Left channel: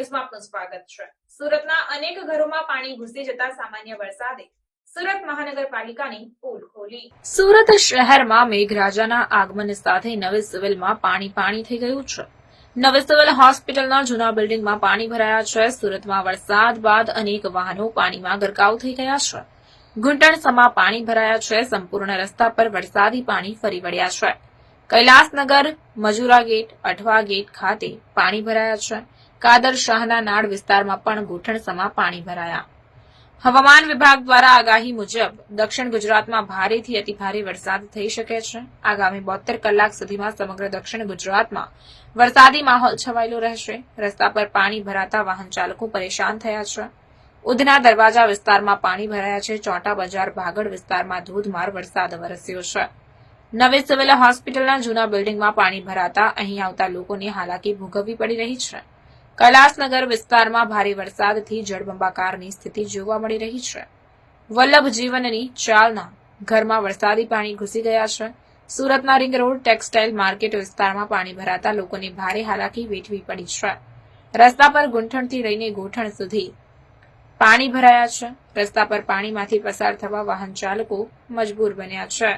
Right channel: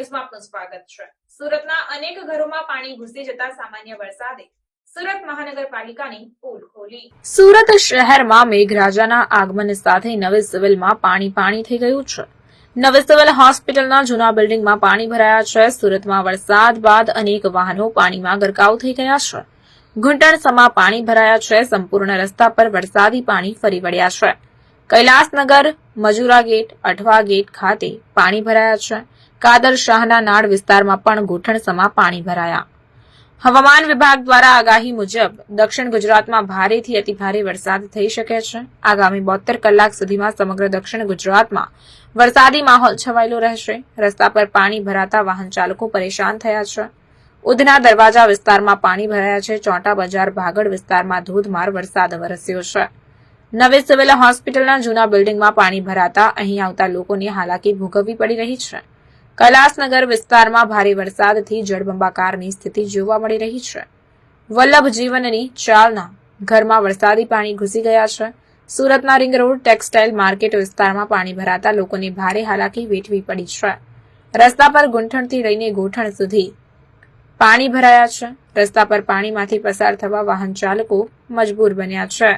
સ્વાગત છે. સુરતના અનેક ઘરોમાં પાણી ઘૂસી જતા સામાન્ય વરસાદે સુરત મહાનગરપાલિકાની પુલ ખોલી. સુરત શહેરમાં મેઘરાજાના આગમન સાથે નવી સિવિલમાં પાણી પાણી થઈ ગયું છે. નવી સિવિલ હોસ્પિટલના જૂના બિલ્ડિંગમાં પાણી ભરાયા છે. સુરતમાં વરસાદ બાદ અનેક વાહનો પાણીમાં ગરકાવ થઈ ગયા છે. ઘૂંટણસમા પાણી ભરાયા છે. સંપૂર્ણ રસ્તા પર વરસાદી પાણી ફરી વળ્યા છે. કૈલાસનગર, મજુરા ગેટ, અઠવા ગેટ ખાતે પાણી ભરાયા છે. કાદર શાહના નાડ વિસ્તારમાં પણ ઘૂંટણસમા પાણી ભરાયા. હવામાન વિભાગ દ્વારા આગાહી મુજબ દક્ષિણ ગુજરાતમાં ભારેથી અતિભારે વરસાદ થઈ શકે છે. આગામી બોતેર કલાક સુધીમાં સમગ્ર દક્ષિણ ગુજરાતમાં વરસાદી માહોલ છવાયેલો રહેશે. રસ્તા પર પાણી ભરાતા વાહન ચાલકો પરેશાન થયા છે. ઉધના દરવાજા વિસ્તારમાં પાણી ભરાયા છે. ચોટા બજાર ભાગડ વિસ્તારમાં ધોધમાર વરસાદ વરસ્યો છે. નવી સિવિલ હોસ્પિટલના જૂના બિલ્ડિંગમાં પાણી ભરાતા અહીં આવતા લોકોની હાલાકી ભોગવવી પડી રહી છે. કૈલાસનગર વિસ્તારમાં ભારે વરસાદથી જળબંબાકારની સ્થિતિ જોવા મળી રહી છે. વલ્લભ જીવનની ચાલના ઘરમાં વરસાદી પાણી ઘૂસી ગયા છે. સુરતના રિંગ રોડ ટેક્સટાઇલ માર્કેટ વિસ્તારમાં પાણી ભરાતા લોકોને ભારે હાલાકી વેઠવી પડી છે. રસ્તા પર ગુંઠણથી લઈને ગોઠણ સુધી પાણી ભરાયા છે. રસ્તા પર પાણીમાંથી પસાર થવા વાહન ચાલકો મજબૂર બન્યા છે.